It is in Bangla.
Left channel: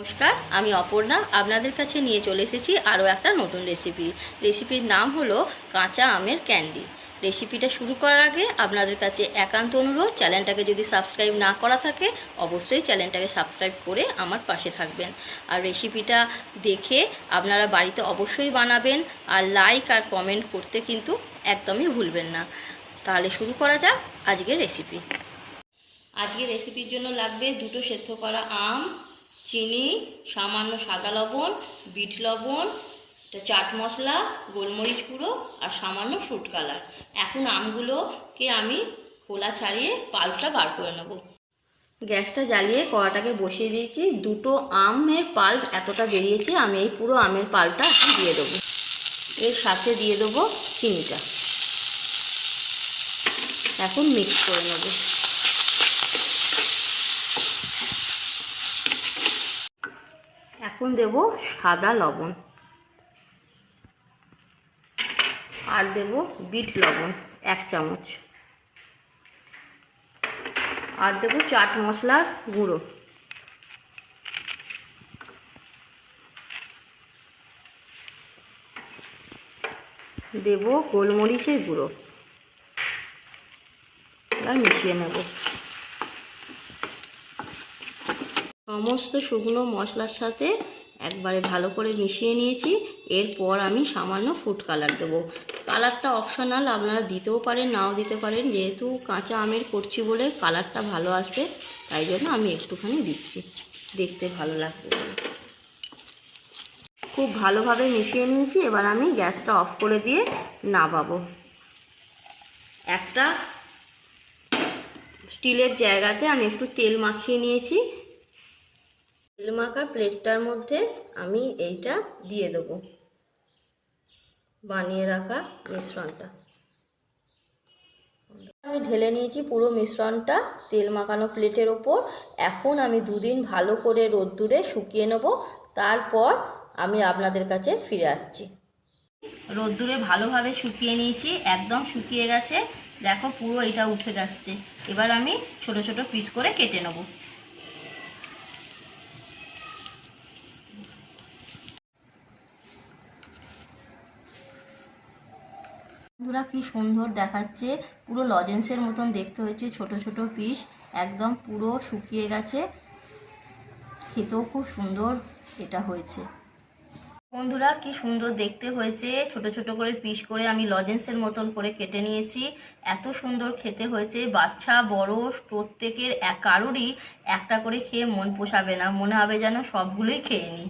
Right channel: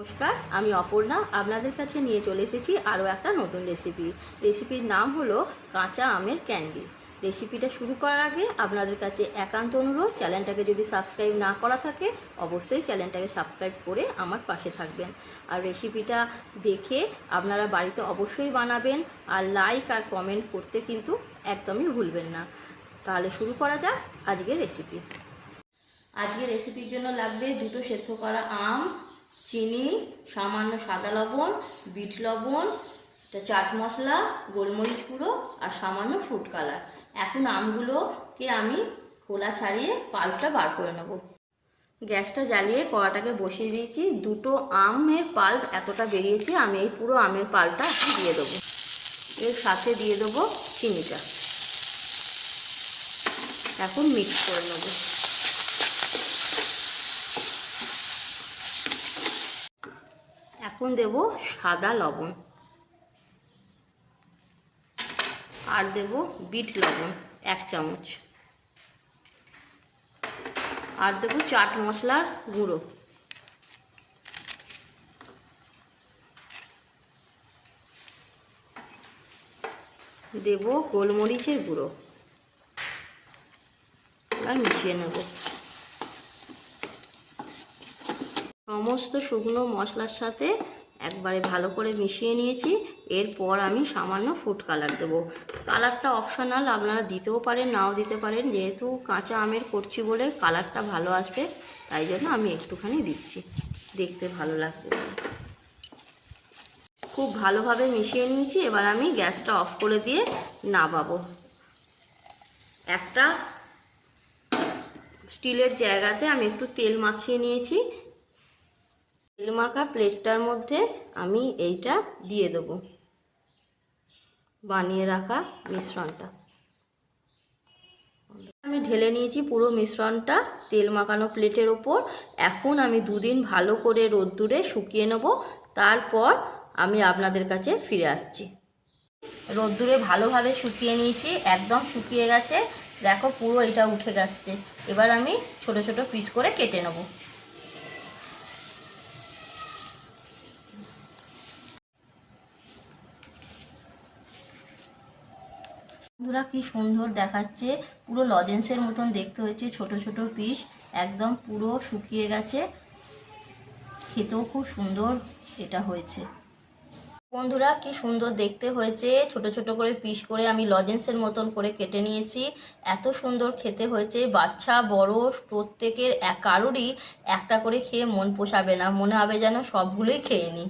নমস্কার, আমি অপর্ণা আপনাদের কাছে নিয়ে চলে এসেছি আরও একটা নতুন রেসিপির নাম হলো কাঁচা আমের ক্যান্ডি। রেসিপিটা শুরু করার আগে আপনাদের কাছে একান্ত অনুরোধ, চ্যানেলটাকে যদি সাবস্ক্রাইব না করা থাকে অবশ্যই চ্যানেলটাকে সাবস্ক্রাইব করে আমার পাশে থাকবেন। আর রেসিপিটা দেখে আপনারা বাড়িতে অবশ্যই বানাবেন, আর লাইক আর কমেন্ট করতে কিন্তু একদমই ভুলবেন না। তাহলে শুরু করা যাক আজকের রেসিপি। আজকের রেসিপির জন্য লাগবে 2টো সেদ্ধ করা আম, চিনি, সামান্য সাদা লবণ, বিট লবণ, চাট মশলা, গোলমরিচ গুঁড়ো আর সামান্য ফ্রুট কালার। এখন আমগুলোকে আমি খোলা ছাড়িয়ে পাল্পটা বার করে নেব। গ্যাসটা জ্বালিয়ে কড়াটাকে বসিয়ে দিয়েছি। 2টো আমের পাল্প এতটা বেরিয়েছে, আমি এই পুরো আমের পাল্পটা দিয়ে দেবো। এর সাথে দিয়ে দেবো চিনিটা। এখন মিক্স করে নেব। এখন দেব সাদা লবণ, আর দেব বিট লবণ 1 চামচ, আর দেব চাট মশলার গুঁড়ো, দেব গোলমরিচের গুঁড়ো। আর মিশিয়ে নেব। সমস্ত শুকনো মশলার সাথে একবারে ভালো করে মিশিয়ে নিয়েছি। এরপর আমি সামান্য ফুড কালার দেবো। কালারটা অপশনাল, আপনারা দিতেও পারেন নাও দিতে পারেন। যেহেতু কাঁচা আমের করছি বলে কালারটা ভালো আসবে, তাই জন্য আমি একটুখানি দিচ্ছি, দেখতে ভালো লাগবে। খুব ভালোভাবে মিশিয়ে নিয়েছি। এবার আমি গ্যাসটা অফ করে দিয়ে নামাবো। একটা স্টিলের জায়গাতে আমি একটু তেল মাখিয়ে নিয়েছি। তেল মাখা প্লেটটার মধ্যে আমি এইটা দিয়ে দেব, বানিয়ে রাখা মিশ্রণটা। আমি ঢেলে নিয়েছি পুরো মিশ্রণটা তেল মাখানো প্লেটের ওপর। এখন আমি 2 দিন ভালো করে রোদ্দুরে শুকিয়ে নেব, তারপর আমি আপনাদের কাছে ফিরে আসছি। রোদ্দুরে ভালোভাবে শুকিয়ে নিয়েছি, একদম শুকিয়ে গেছে। দেখো পুরো এটা উঠে গেছে। এবার আমি ছোট ছোট পিস করে কেটে নেব। বন্ধুরা, কি সুন্দর দেখাচ্ছে, পুরো লজেন্সের মতন দেখতে হয়েছে। ছোট ছোট পিস, একদম পুরো শুকিয়ে গেছে। খেতেও খুব সুন্দর এটা হয়েছে। বন্ধুরা, কি সুন্দর দেখতে হয়েছে। ছোট ছোট করে পিস করে আমি লজেন্সের মতন করে কেটে নিয়েছি। এত সুন্দর খেতে হয়েছে, বাচ্চা বড় প্রত্যেকের কারোরই একটা করে খেয়ে মন পোষাবে না, মনে হবে যেন সবগুলোই খেয়ে নিই।